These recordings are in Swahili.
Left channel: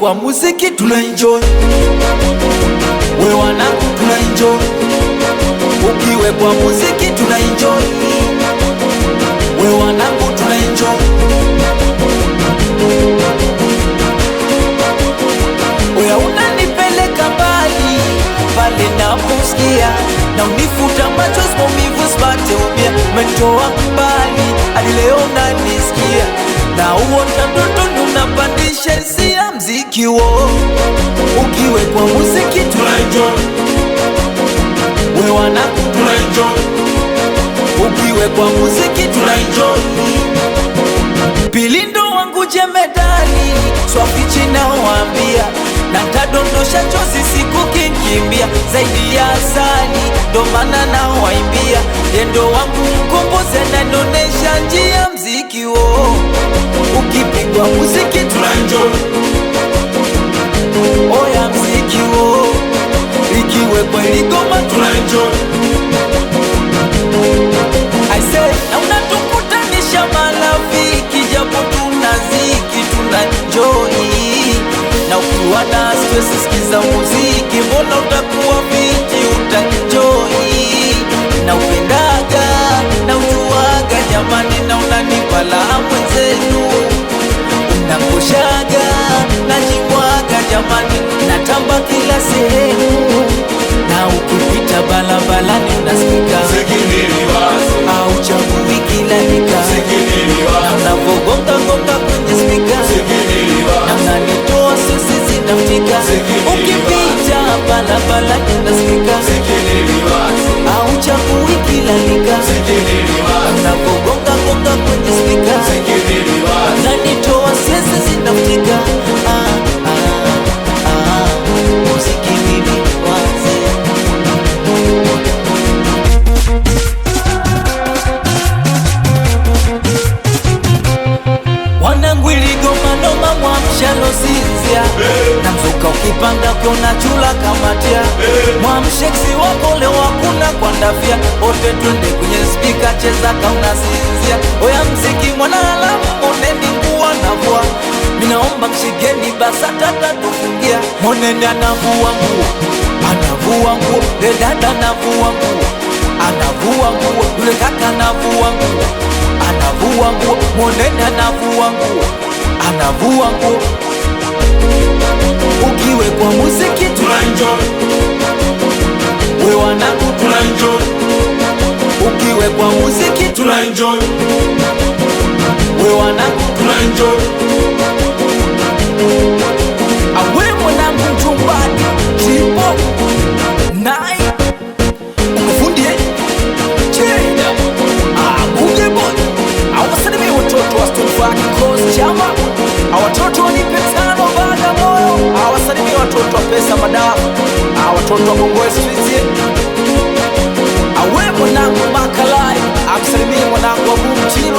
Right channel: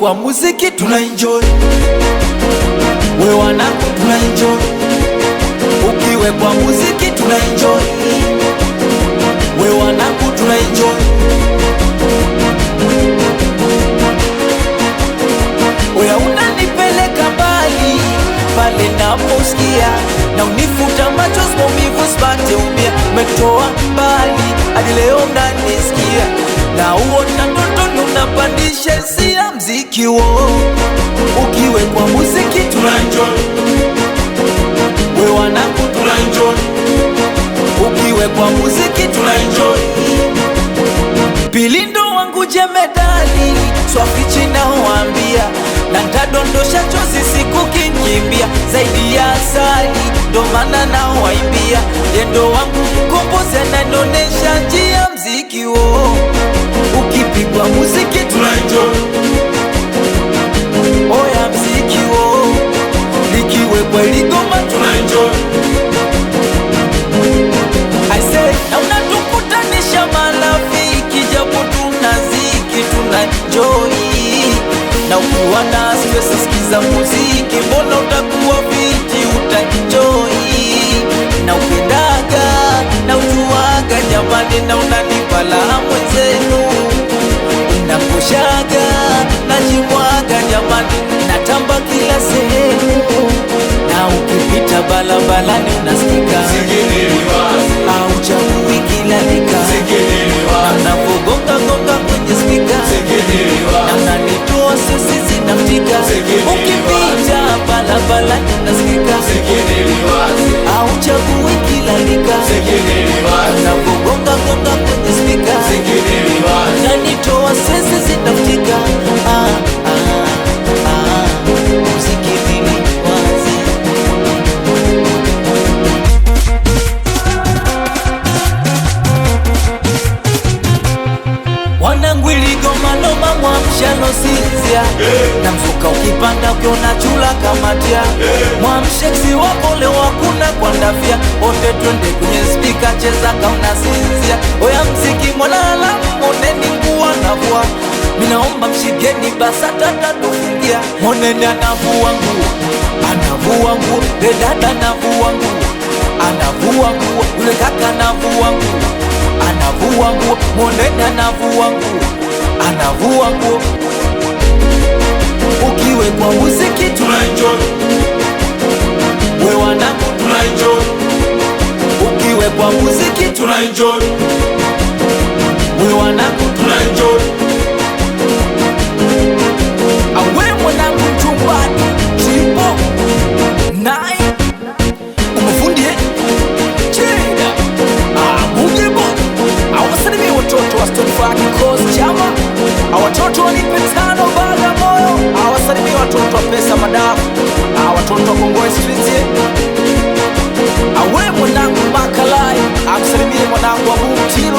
kwa muziki tunaenjoy, we wanangu tunaenjoy. Ukiwe kwa muziki tunaenjoy, we wanangu tunaenjoy. Oya unanipeleka mbali pale naposikia, na unifuta machozi maumivu sipate umia. Umetoa mbali hadi leo unanisikia, na uota ndotoni unapandisha hisia mziki wo. Ukiwe kwa muziki tunaenjoy, we wanangu tunaenjoy. Ukiwe kwa muziki tunaenjoy. Pilindo wangu jemedali swafichi naoambia, na ntadondosha chozi siku kinkimbia. Zaidi ya asali ndo maana naowaimbia, yendo wangu mkombozi ananonesha njia mziki wo. Ukipigwa muziki tunaenjoy, oya mziki wo. Likiwe kwa iligoma tunaenjoy, I say na unatukutanisha marafiki, japo tunaziki tunaenjoy. Na ukiwa na stress sikiza muziki, mbona utakuwa fiti utaenjoy. Na upendaga na ujuaga jamani, na unanipa la mwenzenu. Unakoshaga na jimwaga jamani, natamba kila sehemu. Na ukipita balabalani unasikika, au chagui kila lika. Na unavogonga gonga kwenye spika, na unanitoa sisi zinaftika. Ukipita balabalani unasikika, au chagui kila lika. Na unavogonga gonga kwenye spika, na nitoa sisi zinaftika. Muziki nini wazi. Wanangu iligoma noma mwamshalo sinzia, na mzuka ukipanda ukiona chula kamatia. Mwamsheksi wako leo hakuna kwa ndafia, ote twende kwenye speaker cheza kauna sinzia. Oya mziki mwanalamu moneni nguwa navua, minaomba mshigeni basa tata tufungia. Moneni anavua nguo, anavua nguo. Le dada anavua nguo, anavua nguo. Yule kaka anavua nguo, anavua nguo. Moneni anavua nguo, anavua nguo. Ukiwe kwa muziki tunaenjoy, we wanangu tunaenjoy. Ukiwe kwa muziki tunaenjoy, we wanangu tunaenjoy. Awe mwanangu mchumbadi Tripo Nai umufundie Cheda Buge boy. Awasalimie watoto wa Stone Fire Kikosi Chama, awatoto wanipe tano baga moyo. Awasalimie watoto wa pesa madafu, watoto wa Kongoe Street. Awe mwanangu Makalai, amsalimie mwanangu Abu Mtilo,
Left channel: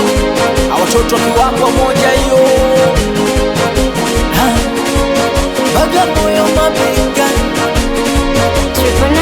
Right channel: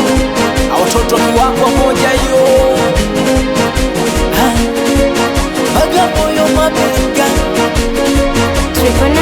awatoto wa kiwango moja hiyo. Baga moyo mabega Triple 9